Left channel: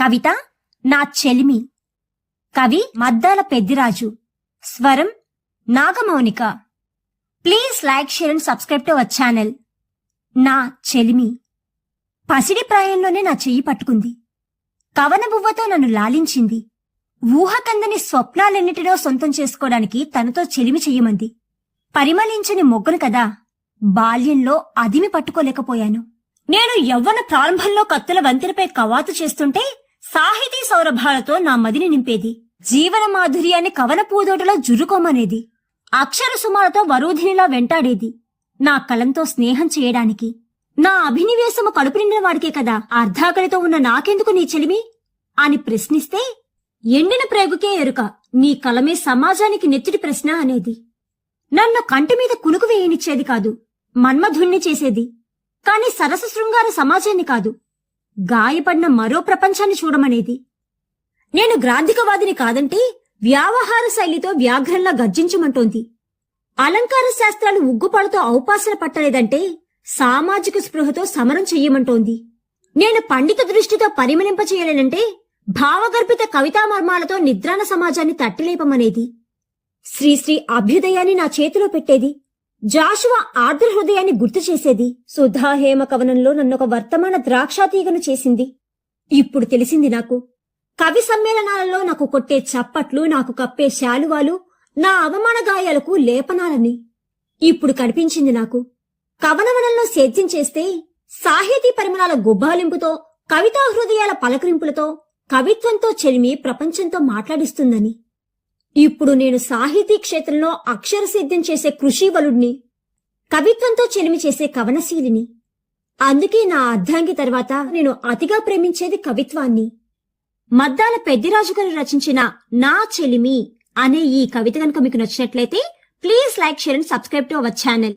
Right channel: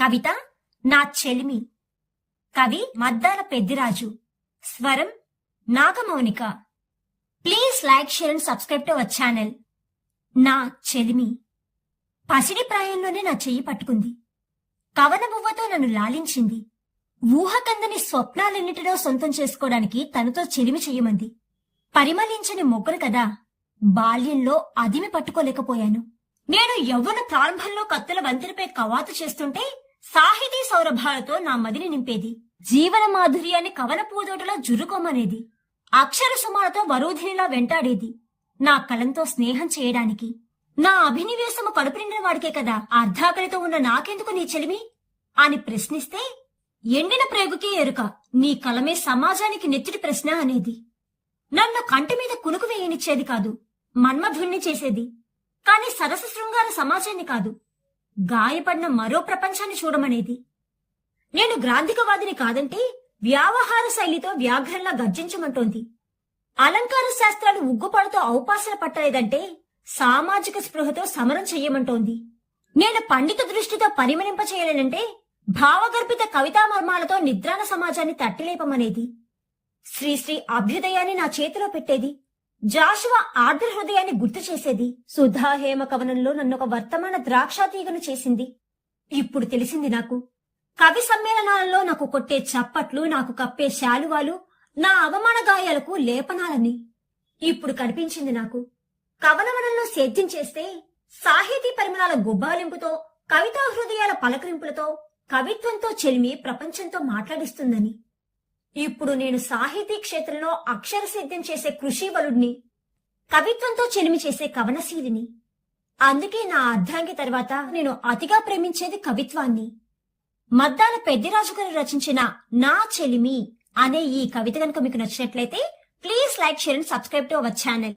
కవిత నా చెలిమి. కవి మద్దాల పెద్దిరాజు. స్వరం Nagamounika. Please like share and subscribe to our channel. నా చెలిమి. పసిడి ప్రాయంలోనే నా చెయ్యి పట్టుకుంది. కవన బువ్వతో నన్ను లాలించింది. ఊహకందని స్వప్నాలెన్నిటినో సొంతం చేసుకోవడానికి తనతో చెలిమి చెయ్యమంది. పరిమళించని మొగ్గను కదా బాల్యంలో అదిమి పట్టుకోలేకపోయాను. నేను యవ్వన ప్రారంభంలో కత్తుల వంతెనపై కవాతు చేస్తుంటే సాహితీ సౌరభాలతో నా మదిని నింపేది. జీవన మాధుర్యాన్ని కవన పూదోటలో జురుకోమనేది. అక్షర సుమాలతో వరూధినిలా వెంటాడేది. నా కలంతో స్నేహం చేయడానికి. నా అభినివేశము కడుపు నిండిన వాడికే కదా అర్ధాకలితో ఉన్న నాకెందుకు నీ చెలిమి? అని ప్రశ్నిస్తే ఎండిన ప్రేగుకే ఎరుక నీ కలమే సమాజానికి నెత్తుడి ప్రశ్న అనేది. నన్ను కంటి మీద కునుకు వేయనిచ్చేది కాదు మన్మధుణ్ణి చేసేది. కాని సరస శృంగార సమాజాన్ని కాదు. గాయపడిన మరో ప్రపంచాన్ని చూడమనేది? నేను గ్రాంధికవాదిని కాదంటే వ్యావహార శైలితో వ్యాఘ్రంలా గర్జించమంటోంది. అలంకార శాస్త్రాలు ఉగ్గుపాలతో ఔపాసన పట్టలేదంటే సామాజిక స్పృహతో సమరం చెయ్యమంటోంది. నేను పండిత దృష్టితో పరిమళింప చేయలేనంటే భావగర్భిత కవితామర్మాలతో నిద్రాణ సమాజాన్ని తట్టిలేపమనేది. శ్రీశ్రీ అభ్యుదయాన్ని నా చేతిలో పెట్టేది. జాషువ ఆర్ద్ర హృదయాన్ని గుర్తు చేసేది. సుధా హేమ కవనంలో నన్నొక వర్తమాన ద్రాక్షాతీగను చేసింది. ఇప్పుడు తెలిసింది నాకు. కవి సమ్మేళనాలలో నాకు కొట్టే చప్పట్లు నాకు కప్పే శాలువాలు నా అవమాన గాయాలకు లేపనాలని. ఇప్పుడు కనిపించింది నాకు. కవనవనంలో సేద్యం చేస్తే సాహితీ పరిమళాల గుబ్బాలింపుతో కవితా హృదయాల పలకరింపులతో కవిత్వంతో చెలిమి ప్రపంచంతో మాట్లాడిస్తుందని. ఇప్పుడు నేను సాహితీ క్షేత్రంలో అక్షర సిద్ధం చేసే కృషివలుడిని కవిత్వంతో చెలిమి చేసే కవనశీలిని. అందుకే నా అర్ధాంగి తర్వాత నేను అతిగా ప్రేమించేది కవిత్వాన్ని. మద్దాల పెద్దిరాజు గారు రచించిన నా చెలిమి అనే ఈ కవిత కనుక మీకు నచ్చినట్లయితే please like share and subscribe to our channel.